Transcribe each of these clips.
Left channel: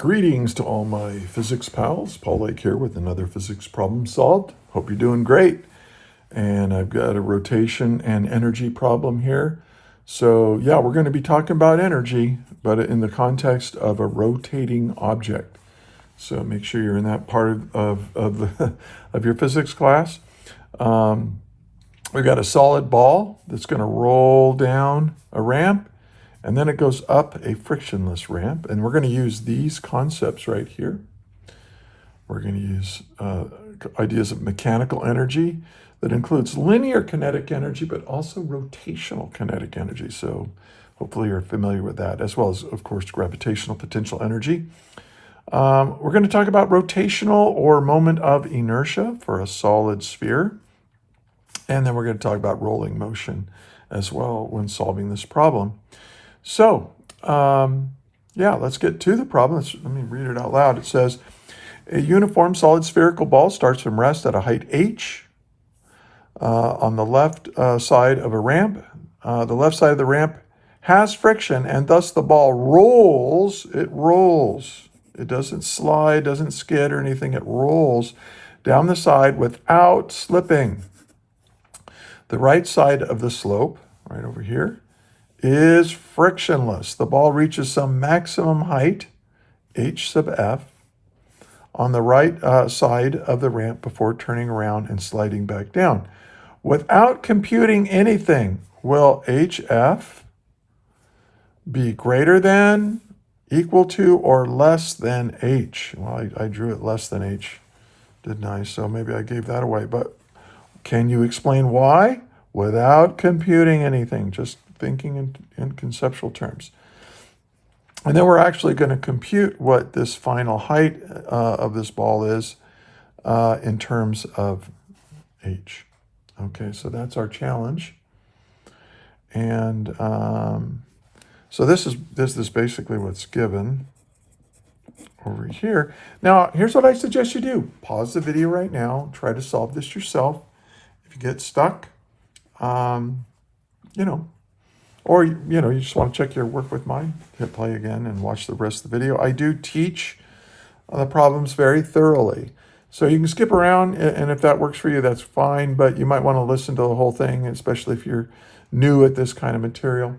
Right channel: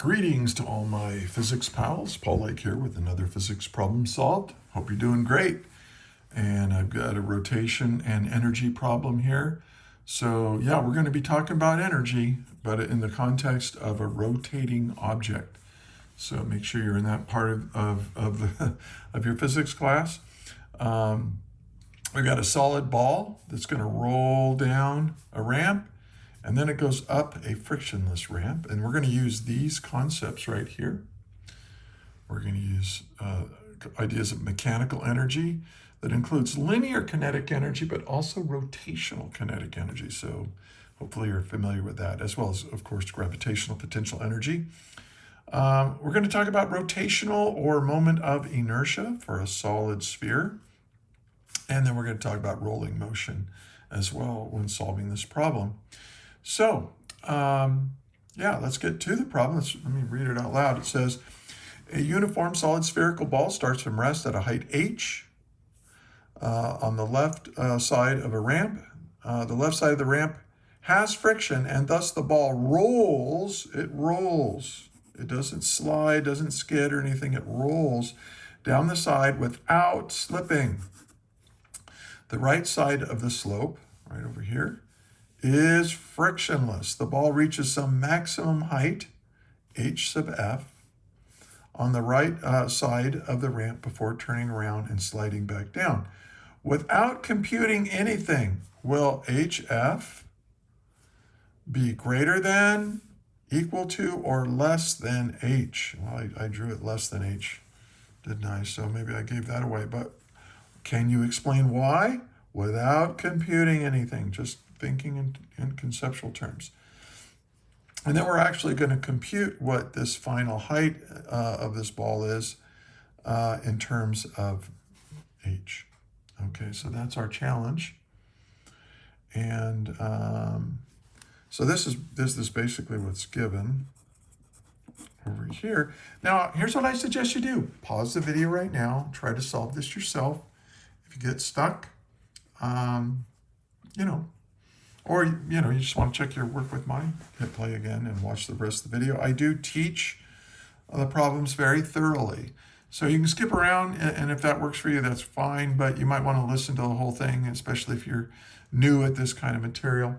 Greetings to all my physics pals. Paul Lake here with another physics problem solved. Hope you're doing great. And I've got a rotation and energy problem here. So yeah, we're going to be talking about energy, but in the context of a rotating object. So make sure you're in that part of your physics class. We've got a solid ball that's going to roll down a ramp, and then it goes up a frictionless ramp. And we're going to use these concepts right here. We're going to use ideas of mechanical energy that includes linear kinetic energy, but also rotational kinetic energy. So hopefully you're familiar with that, as well as, of course, gravitational potential energy. We're going to talk about rotational or moment of inertia for a solid sphere. And then we're going to talk about rolling motion as well when solving this problem. So, yeah, let's get to the problem. Let me read it out loud. It says, a uniform solid spherical ball starts from rest at a height h on the left side of a ramp. The left side of the ramp has friction, and thus the ball rolls. It rolls. It doesn't slide, doesn't skid or anything. It rolls down the side without slipping. The right side of the slope, right over here, is frictionless. The ball reaches some maximum height, h sub f, on the right side of the ramp before turning around and sliding back down. Without computing anything, will hf be greater than, equal to, or less than h? Well, I drew it less than h, didn't I? So maybe I gave that away. But can you explain why? Without computing anything, just thinking in conceptual terms. And then we're actually going to compute what this final height of this ball is in terms of h. Okay, so that's our challenge. And so this is basically what's given over here. Now, here's what I suggest you do. Pause the video right now. Try to solve this yourself. If you get stuck, or, you just want to check your work with mine, hit play again and watch the rest of the video. I do teach the problems very thoroughly. So you can skip around, and if that works for you, that's fine. But you might want to listen to the whole thing, especially if you're new at this kind of material.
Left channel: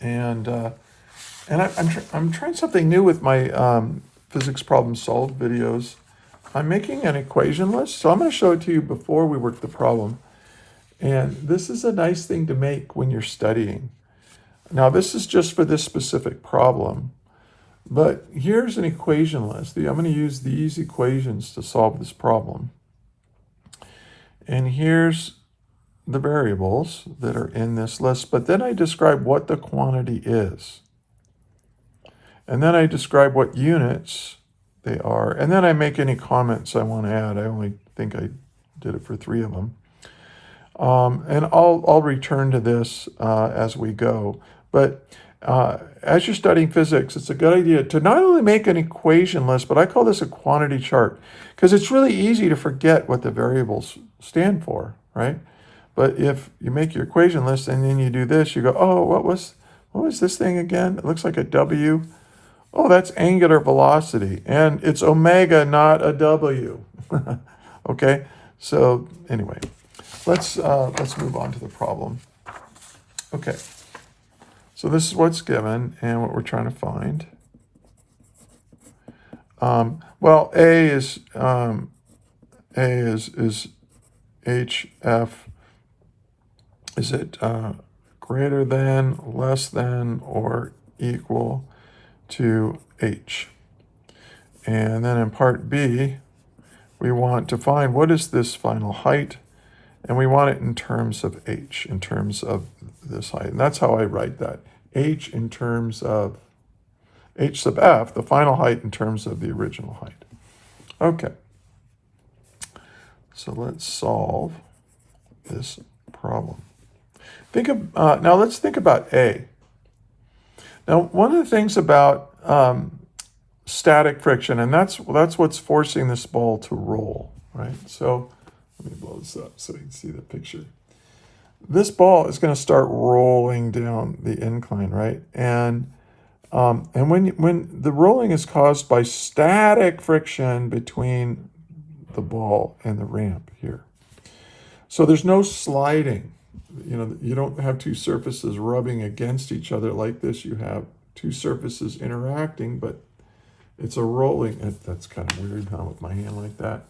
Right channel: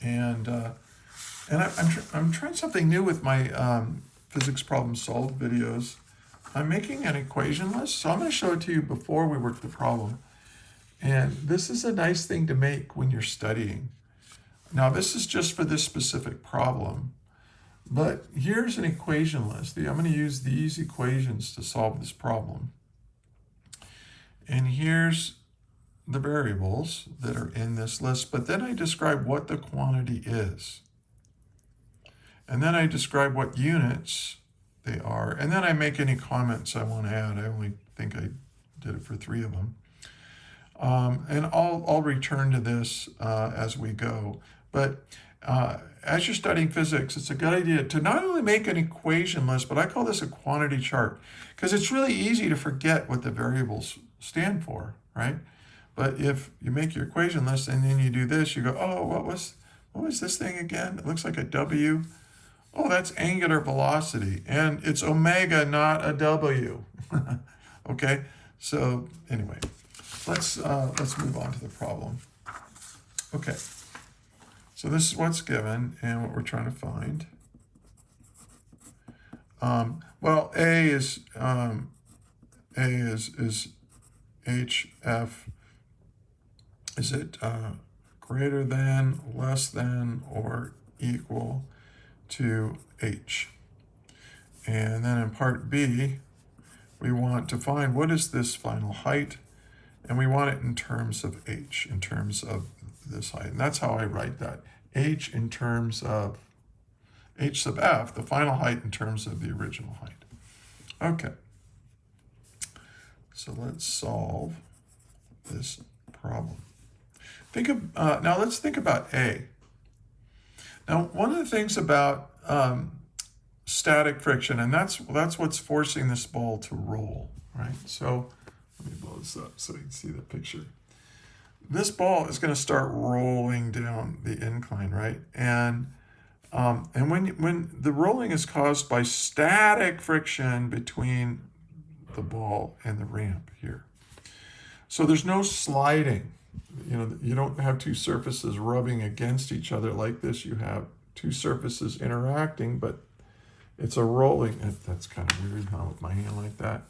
And I'm trying something new with my physics problem solved videos. I'm making an equation list. So I'm going to show it to you before we work the problem. And this is a nice thing to make when you're studying. Now, this is just for this specific problem. But here's an equation list. I'm going to use these equations to solve this problem. And here's the variables that are in this list. But then I describe what the quantity is. And then I describe what units they are. And then I make any comments I want to add. I only think I did it for 3 of them. And I'll return to this as we go. But as you're studying physics, it's a good idea to not only make an equation list, but I call this a quantity chart, because it's really easy to forget what the variables stand for, right? But if you make your equation list and then you do this, you go, oh, what was this thing again? It looks like a W. Oh, that's angular velocity, and it's omega, not a W. Okay, so anyway. Let's move on to the problem. Okay, so this is what's given and what we're trying to find. Well, A is HF. Is it greater than, less than, or equal to H? And then in part B, we want to find what is this final height. And we want it in terms of h, in terms of this height. And that's how I write that. H in terms of h sub f, the final height in terms of the original height. Okay. So let's solve this problem. Now let's think about A. Now, one of the things about static friction, and that's what's forcing this ball to roll, right? So let me blow this up so you can see the picture. This ball is going to start rolling down the incline, right? And And when the rolling is caused by static friction between the ball and the ramp here. So there's no sliding. You don't have two surfaces rubbing against each other like this. You have two surfaces interacting, but it's a rolling. That's kind of weird, huh, with my hand like that.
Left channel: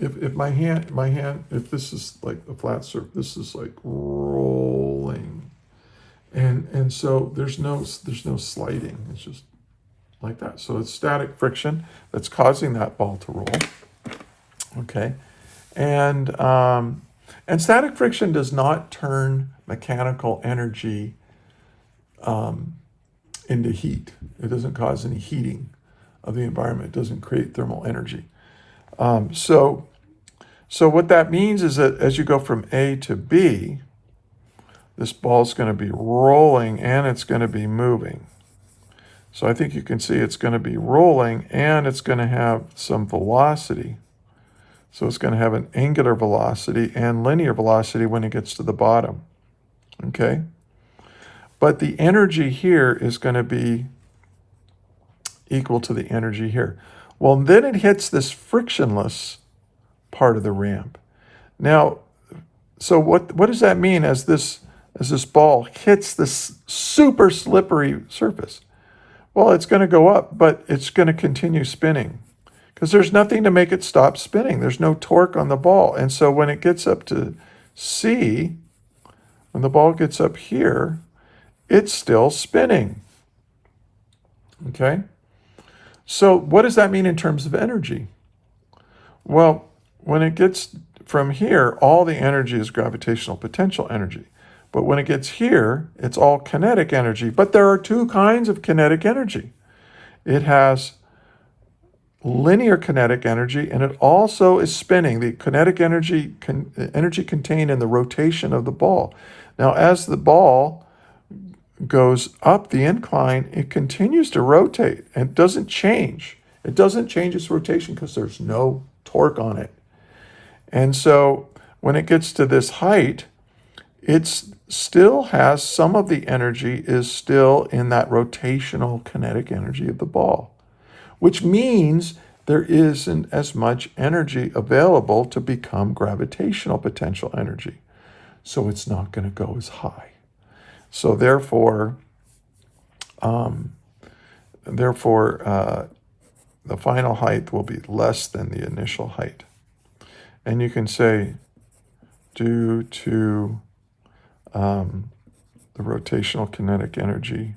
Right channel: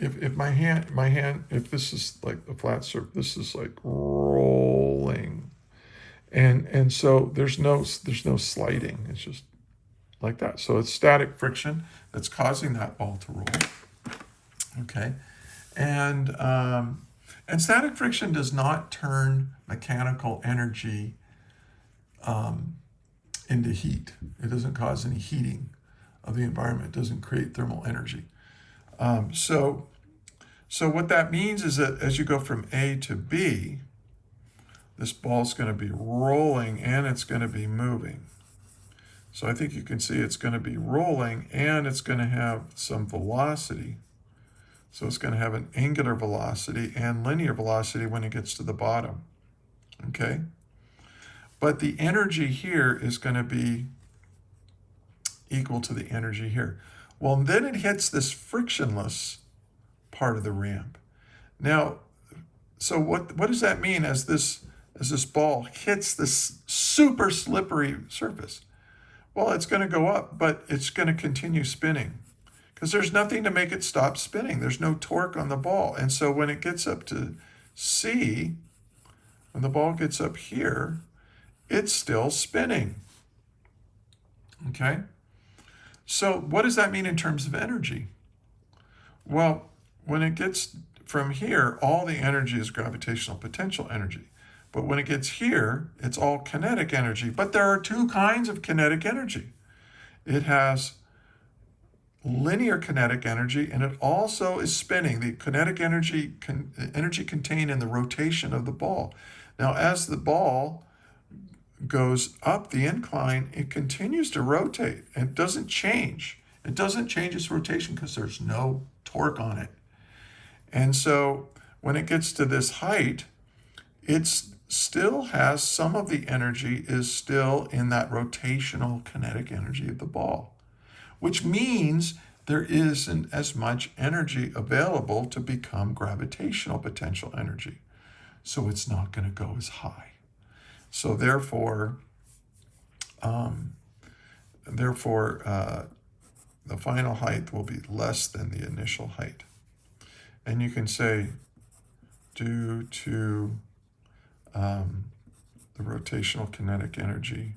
If my hand, if this is like a flat surface, this is like rolling, and so there's no sliding. It's just like that. So it's static friction that's causing that ball to roll. Okay, and static friction does not turn mechanical energy into heat. It doesn't cause any heating of the environment. It doesn't create thermal energy. So what that means is that as you go from A to B, this ball's going to be rolling and it's going to be moving. So I think you can see it's going to be rolling and it's going to have some velocity. So it's going to have an angular velocity and linear velocity when it gets to the bottom. Okay? But the energy here is going to be equal to the energy here. Well, then it hits this frictionless part of the ramp. Now, so what does that mean as this ball hits this super slippery surface? Well, it's going to go up, but it's going to continue spinning because there's nothing to make it stop spinning. There's no torque on the ball. And so when it gets up to C, when the ball gets up here, it's still spinning. Okay? So what does that mean in terms of energy? Well, when it gets from here, all the energy is gravitational potential energy. But when it gets here, it's all kinetic energy. But there are two kinds of kinetic energy. It has linear kinetic energy, and it also is spinning. The kinetic energy, energy contained in the rotation of the ball. Now, as the ball goes up the incline, it continues to rotate and doesn't change. It doesn't change its rotation because there's no torque on it. And so when it gets to this height, it still has some of the energy is still in that rotational kinetic energy of the ball, which means there isn't as much energy available to become gravitational potential energy. So it's not going to go as high. So therefore, the final height will be less than the initial height. And you can say, due to the rotational kinetic energy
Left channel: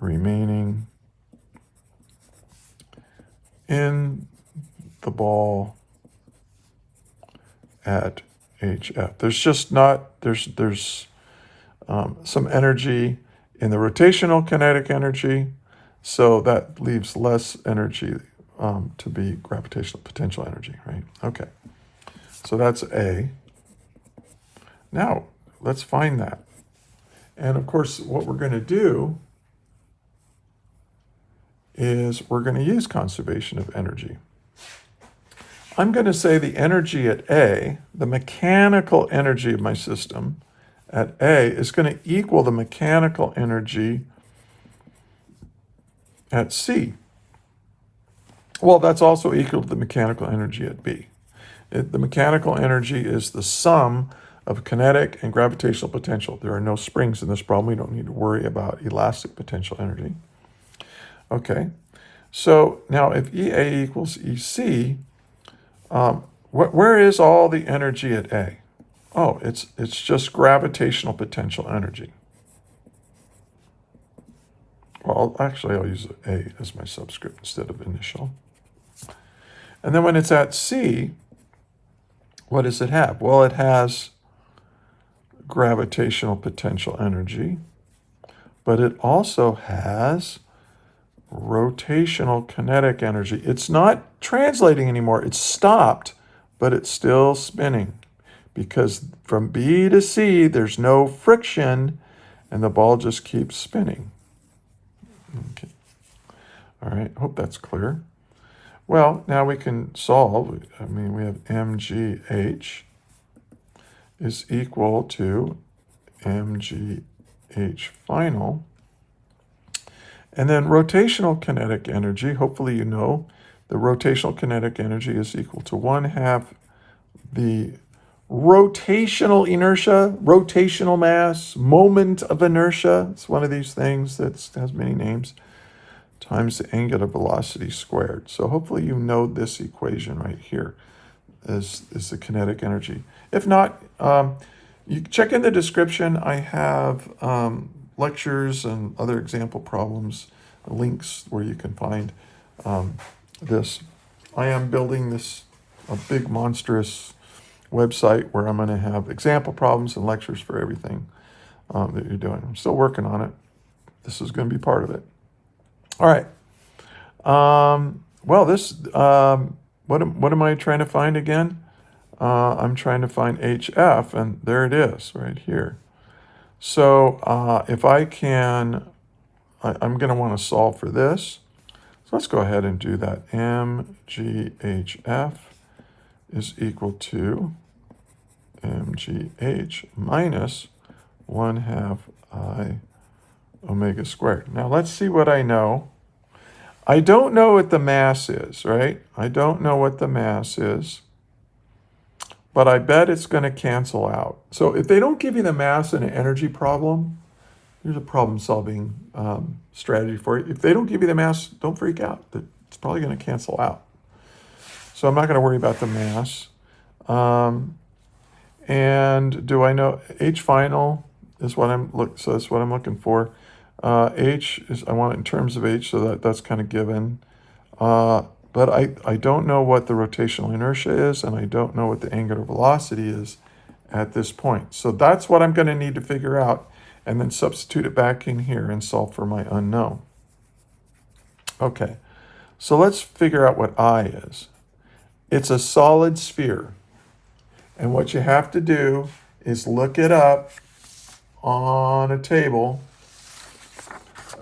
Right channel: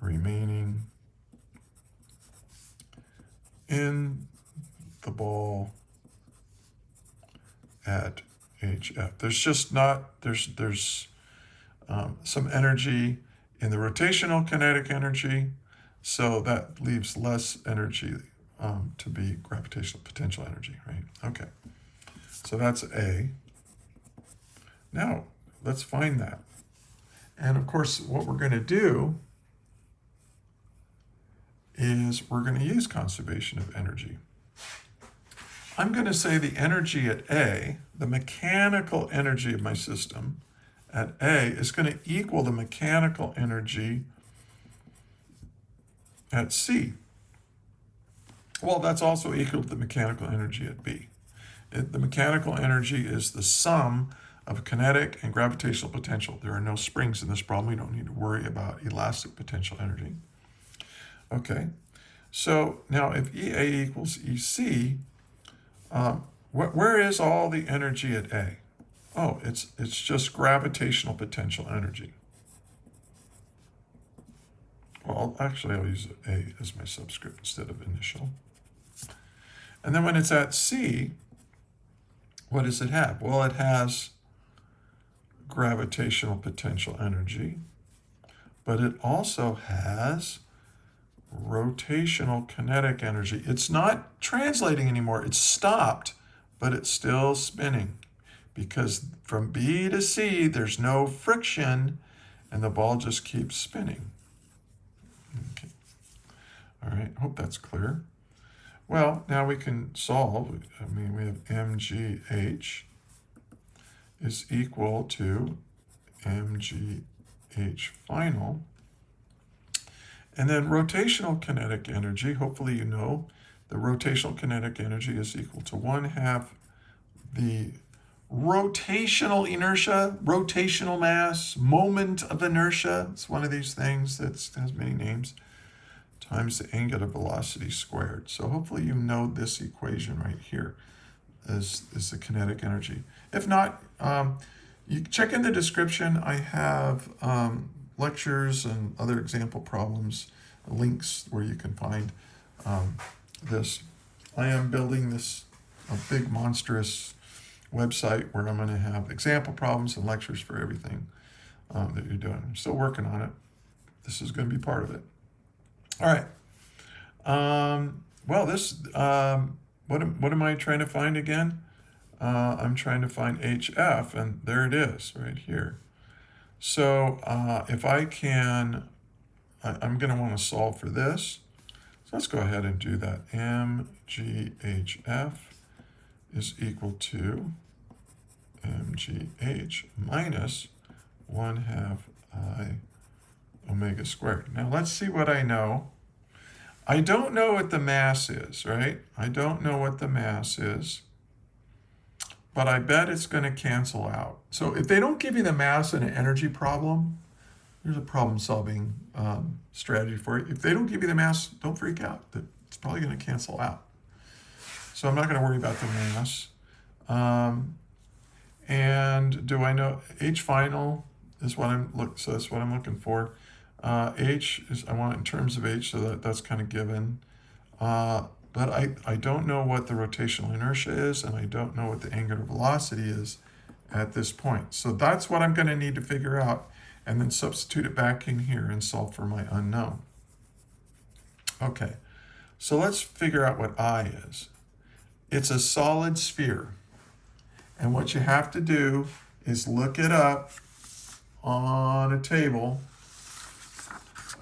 remaining in the ball at HF. There's just not, there's some energy in the rotational kinetic energy, so that leaves less energy to be gravitational potential energy, right? Okay, so that's A. Now, let's find that. And of course, what we're going to do is we're going to use conservation of energy. I'm going to say the energy at A, the mechanical energy of my system at A, is going to equal the mechanical energy at C. Well, that's also equal to the mechanical energy at B. The mechanical energy is the sum of kinetic and gravitational potential. There are no springs in this problem. We don't need to worry about elastic potential energy. Okay, so now if EA equals EC, where is all the energy at A? Oh, it's just gravitational potential energy. Well, actually, I'll use A as my subscript instead of initial. And then when it's at C, what does it have? Well, it has gravitational potential energy, but it also has rotational kinetic energy. It's not translating anymore. It's stopped, but it's still spinning because from B to C, there's no friction and the ball just keeps spinning. Okay. All right, hope that's clear. Well, now we can solve. I mean, we have mgh is equal to mgh final And then rotational kinetic energy, hopefully you know, the rotational kinetic energy is equal to 1/2 the rotational inertia, rotational mass, moment of inertia. It's one of these things that has many names, times the angular velocity squared. So hopefully you know this equation right here is the kinetic energy. If not, you check in the description. I have lectures and other example problems, links where you can find this. I am building this a big monstrous website where I'm going to have example problems and lectures for everything that you're doing. I'm still working on it. This is going to be part of it. All right. Well, this what am I trying to find again? I'm trying to find HF, and there it is right here. So if I can, I'm going to want to solve for this. So let's go ahead and do that. MGHF is equal to MGH minus 1/2 I omega squared. Now let's see what I know. I don't know what the mass is, right? I don't know what the mass is, but I bet it's going to cancel out. So if they don't give you the mass in an energy problem, here's a problem-solving strategy for you. If they don't give you the mass, don't freak out. It's probably going to cancel out. So I'm not going to worry about the mass. And do I know H final is what so that's what I'm looking for. H is, I want it in terms of H, so that's kind of given. But I don't know what the rotational inertia is, and I don't know what the angular velocity is at this point. So that's what I'm going to need to figure out, and then substitute it back in here and solve for my unknown. Okay, so let's figure out what I is. It's a solid sphere. And what you have to do is look it up on a table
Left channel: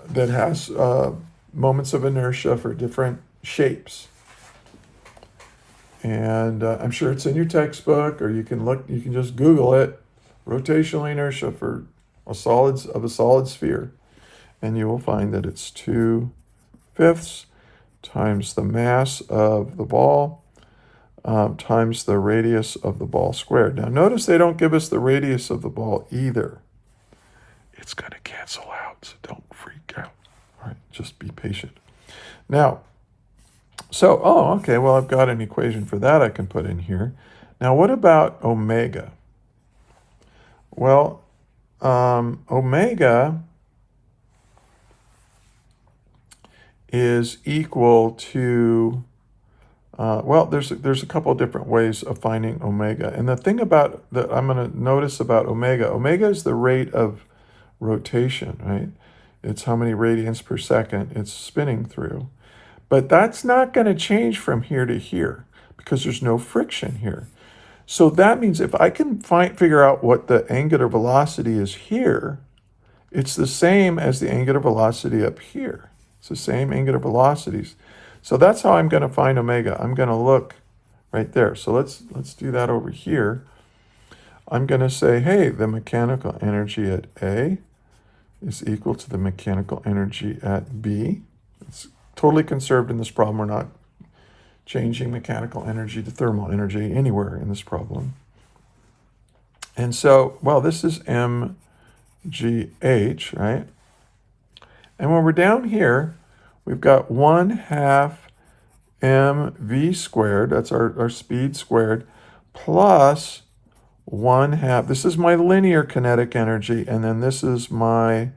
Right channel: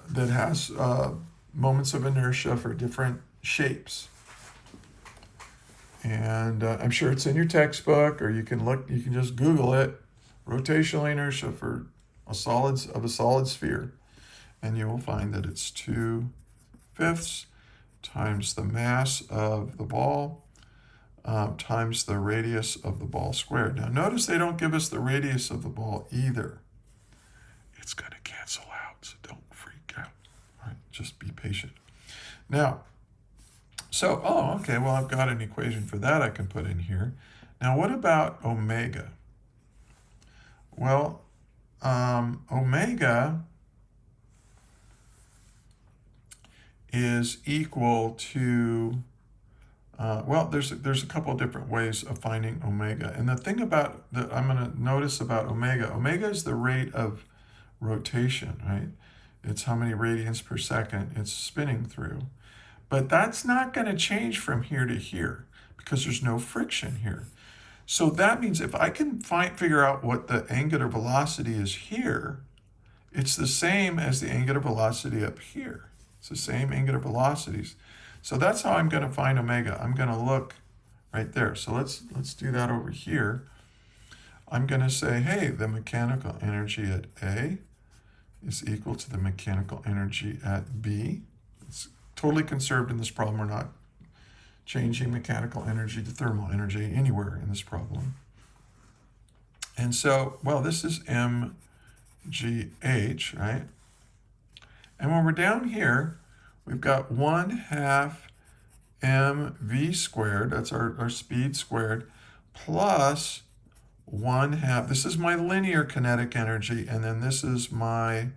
that has moments of inertia for different shapes. And I'm sure it's in your textbook, or you can just Google it, rotational inertia for a solid sphere. And you will find that it's 2/5 times the mass of the ball times the radius of the ball squared. Now notice they don't give us the radius of the ball either. It's going to cancel out, so don't freak out. All right, just be patient. Now, okay, well, I've got an equation for that I can put in here. Now, what about omega? Well, omega is equal to there's a couple of different ways of finding omega. And the thing about that I'm going to notice about omega is the rate of rotation, right? It's how many radians per second it's spinning through. But that's not going to change from here to here because there's no friction here. So that means if I can figure out what the angular velocity is here, it's the same as the angular velocity up here. It's the same angular velocities. So that's how I'm going to find omega. I'm going to look right there. So let's do that over here. I'm going to say, hey, the mechanical energy at A is equal to the mechanical energy at B. It's totally conserved in this problem. We're not changing mechanical energy to thermal energy anywhere in this problem. And so, well, this is mgh, right? And when we're down here, we've got 1/2 mv squared, that's our speed squared, plus 1/2, this is my linear kinetic energy, and then this is my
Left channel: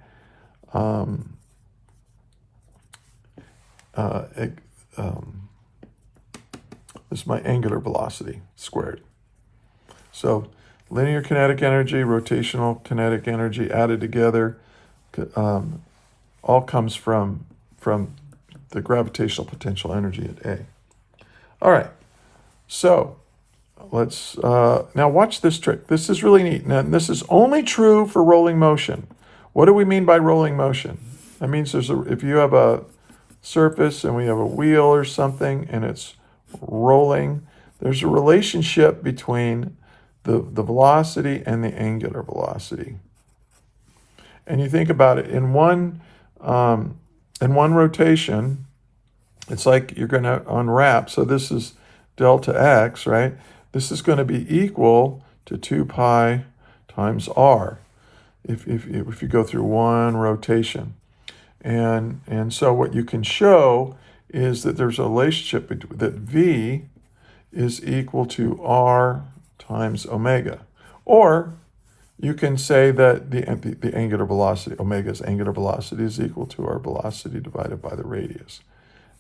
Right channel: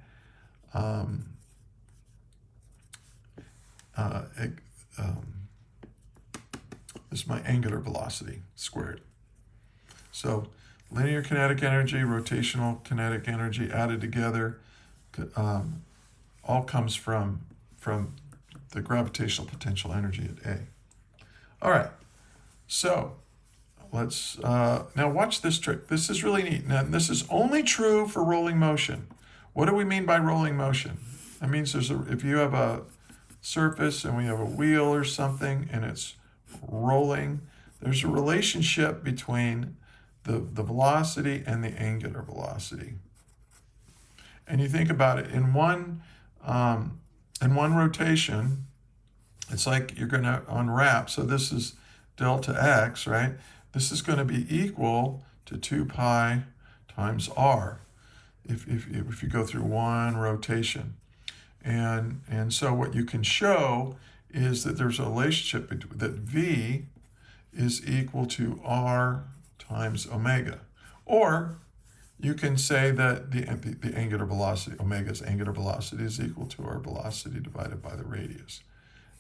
angular velocity squared. So linear kinetic energy, rotational kinetic energy added together, all comes from the gravitational potential energy at A. All right, so let's now watch this trick. This is really neat. Now, this is only true for rolling motion. What do we mean by rolling motion? That means if you have a surface and we have a wheel or something and it's rolling, there's a relationship between the velocity and the angular velocity. And you think about it, in one in one rotation, it's like you're going to unwrap. So this is delta x, right? This is going to be equal to 2 pi times r if you go through one rotation. And so what you can show is that there's a relationship that v is equal to r times omega. Or you can say that the angular velocity, omega's angular velocity, is equal to our velocity divided by the radius.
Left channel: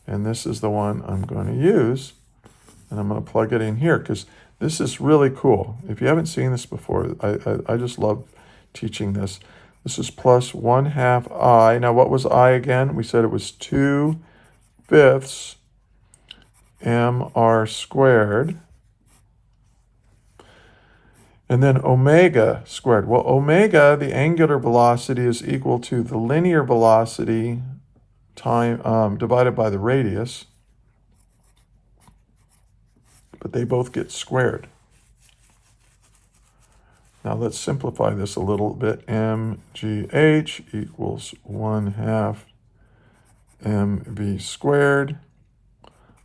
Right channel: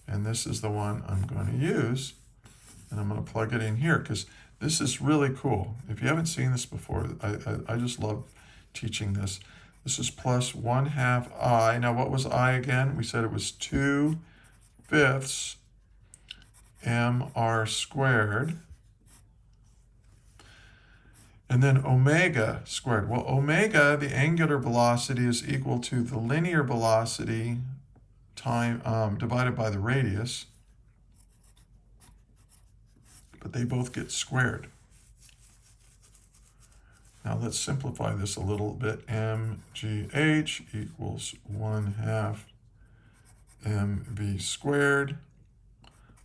And this is the one I'm going to use. And I'm going to plug it in here because this is really cool. If you haven't seen this before, I just love teaching this. This is plus 1/2 I. Now, what was I again? We said it was 2/5 mr squared. And then omega squared. Well, omega, the angular velocity, is equal to the linear velocity time divided by the radius. But they both get squared. Now let's simplify this a little bit. mgh equals 1/2 mv squared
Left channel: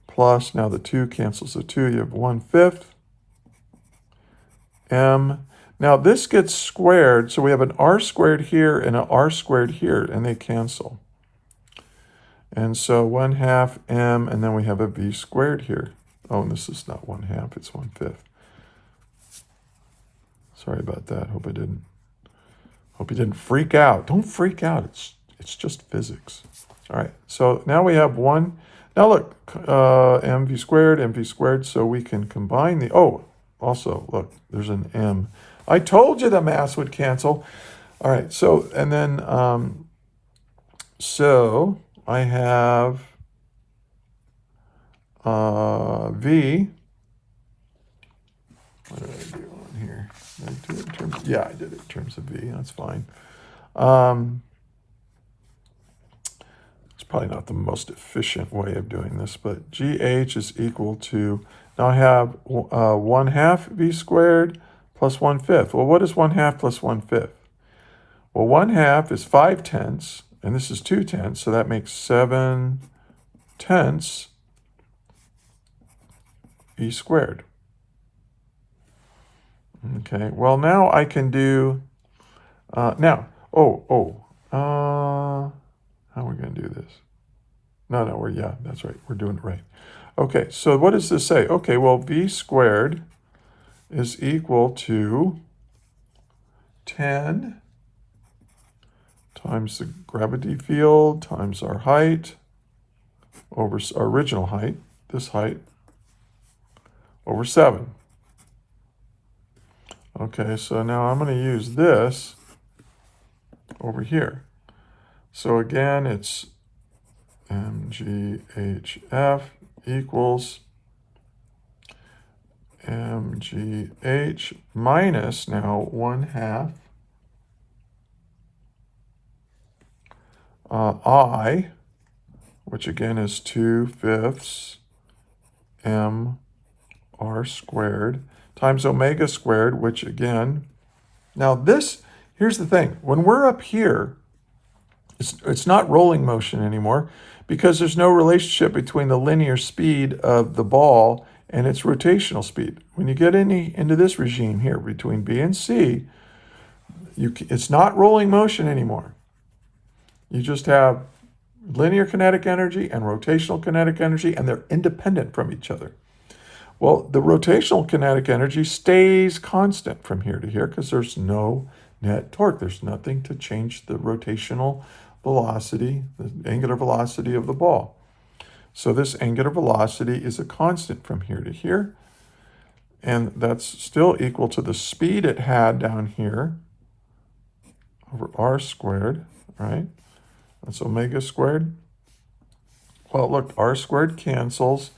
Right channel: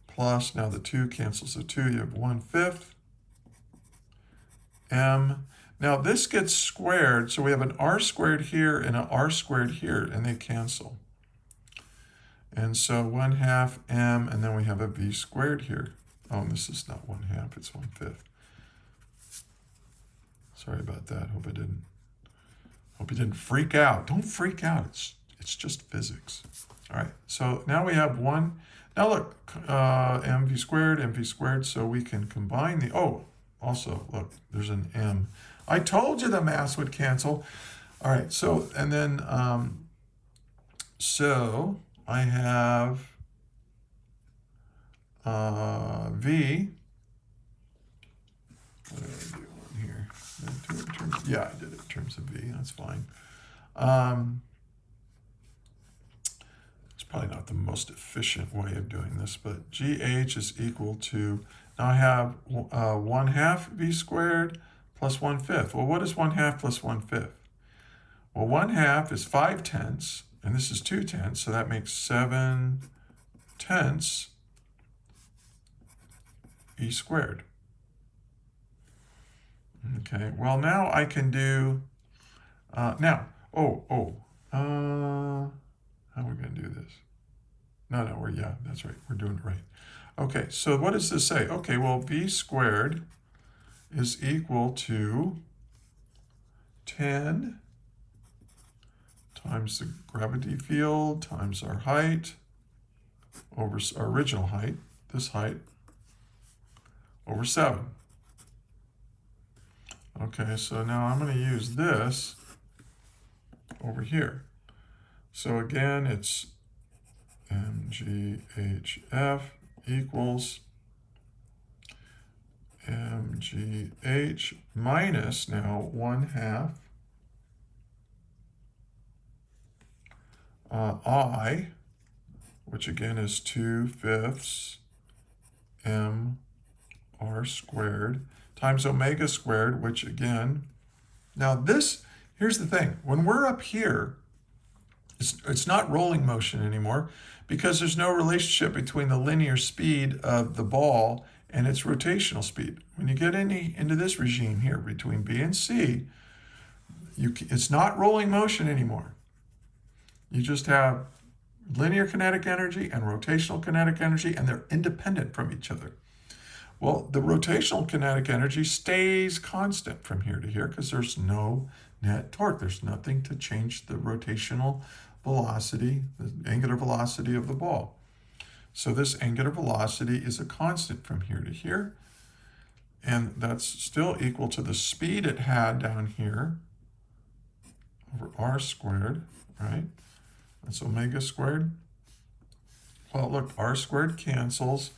plus, now the 2 cancels the 2, you have 1/5 m. Now this gets squared, so we have an r squared here and an r squared here, and they cancel. And so 1/2 m, and then we have a v squared here. Oh, and this is not 1/2, it's 1/5. Sorry about that. Hope you didn't freak out. Don't freak out. It's just physics. All right. So now we have one. Now look, mv squared. So we can combine the. Oh, also look, there's an m. I told you the mass would cancel. All right. So and then so I have v. What did I do on here? Yeah, I did it in terms of v. That's fine. It's probably not the most efficient way of doing this, but GH is equal to, now I have 1/2 v squared plus 1/5. Well, what is 1/2 plus 1/5? Well, 1/2 is 5/10, and this is 2/10, so that makes 7/10 v squared. Okay, well now I can do, how are we going to do this? No, that's right, we're doing it right. Okay, so what does this say? Okay, well, v squared is equal to 10 times the gravity field times our height over our original height, this height, over 7. Okay, so now I'm going to use this over here. So again, it's mghf equals mgh minus now 1/2 I, which again is 2/5 mr squared, times omega squared, which again, now this, here's the thing. When we're up here, it's not rolling motion anymore because there's no relationship between the linear speed of the ball and its rotational speed. When you get into this regime here between B and C, it's not rolling motion anymore. You just have linear kinetic energy and rotational kinetic energy, and they're independent from each other. Well, the rotational kinetic energy stays constant from here to here because there's no net torque. There's nothing to change the rotational velocity, the angular velocity of the ball. So this angular velocity is a constant from here to here. And that's still equal to the speed it had down here over r squared, right? That's omega squared. Well, look, r squared cancels.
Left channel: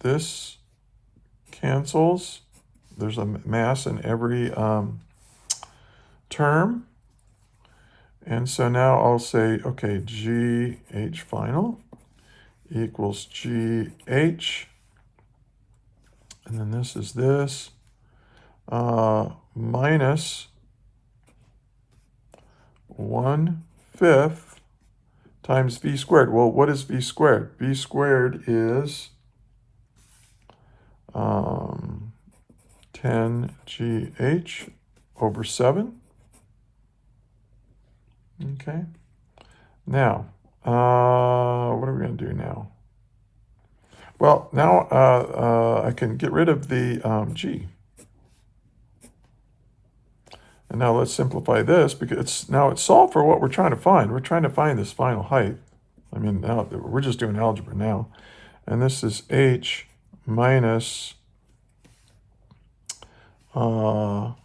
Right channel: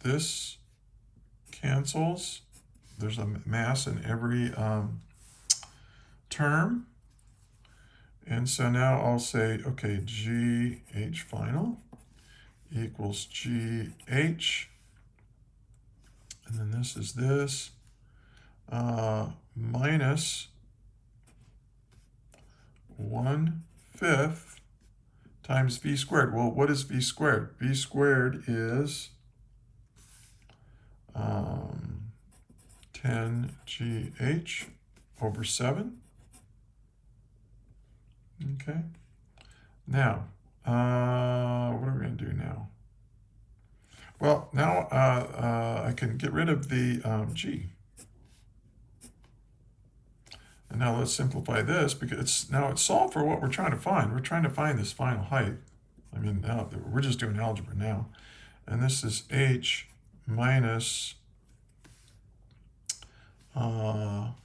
This cancels. There's a mass in every term. And so now I'll say, okay, GH final equals GH. And then this is this minus 1/5 times v squared. Well, what is v squared? V squared is 10gh over 7. Okay. Now, what are we going to do now? Well, now I can get rid of the g. And now let's simplify this, because now it's solved for what we're trying to find. We're trying to find this final height. I mean, now we're just doing algebra now. And this is h minus, well,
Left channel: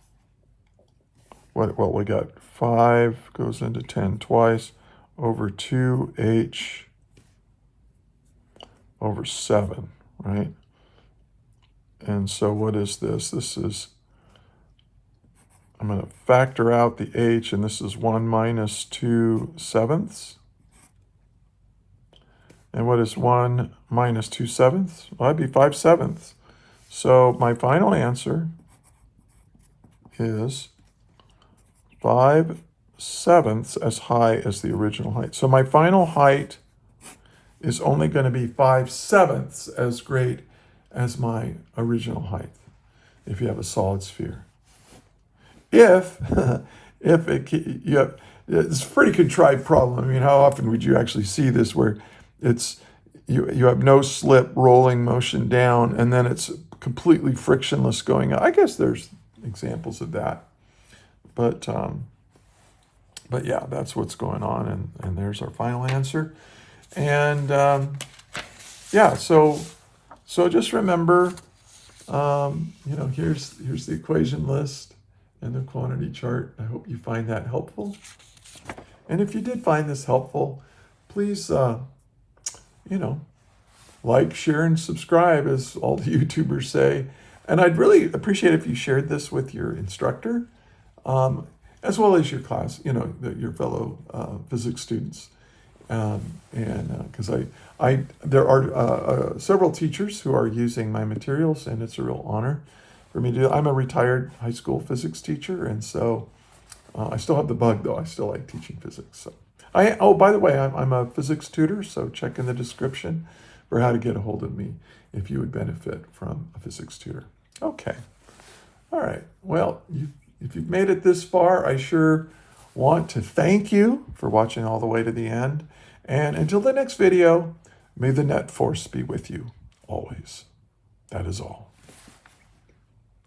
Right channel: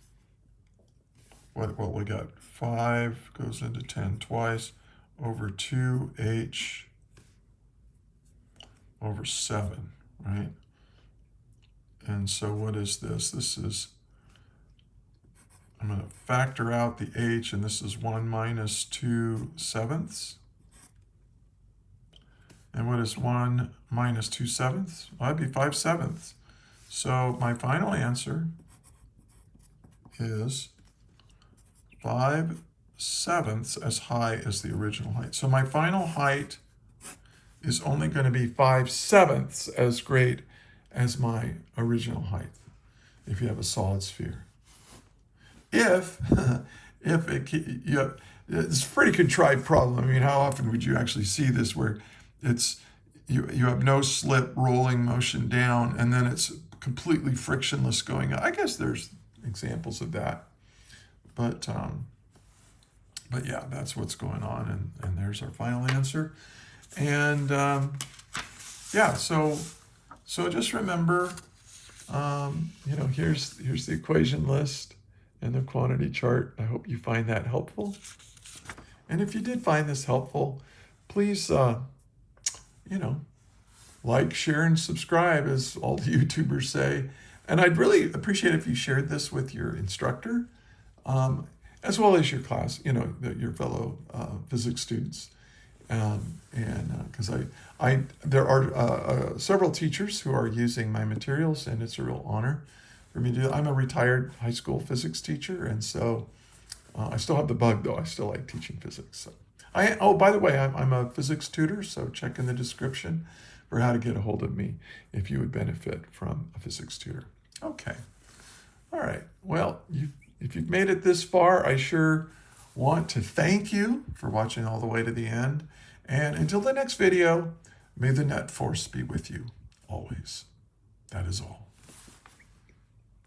we got 5 goes into 10 twice over 2h over 7, right? And so what is this? This is, I'm going to factor out the h, and this is 1 minus 2/7. And what is 1 minus 2/7? Well, that'd be 5/7. So my final answer is 5/7 as high as the original height. So my final height is only going to be 5/7 as great as my original height if you have a solid sphere. If it's a pretty contrived problem. I mean, how often would you actually see this where it's you have no slip rolling motion down and then it's completely frictionless going up? I guess there's examples of that, but yeah, that's what's going on, and there's our final answer. And yeah, so just remember, here's the equation list and the quantity chart. I hope you find that helpful. And if you did find this helpful, please, like, share, and subscribe, as all the YouTubers say. And I'd really appreciate if you shared this with your instructor, as well as your class, your fellow physics students. And because there are several teachers who are using my materials, and it's a real honor for me to do. I'm a retired high school physics teacher, and so I still have the bug, though. I still like teaching physics. So by the way, I'm a physics tutor, so check in the description for how to get a hold of me if you would benefit from a physics tutor. Okay. All right. Well, if you've made it this far, I sure want to thank you for watching all the way to the end. And until the next video, may the net force be with you always. That is all.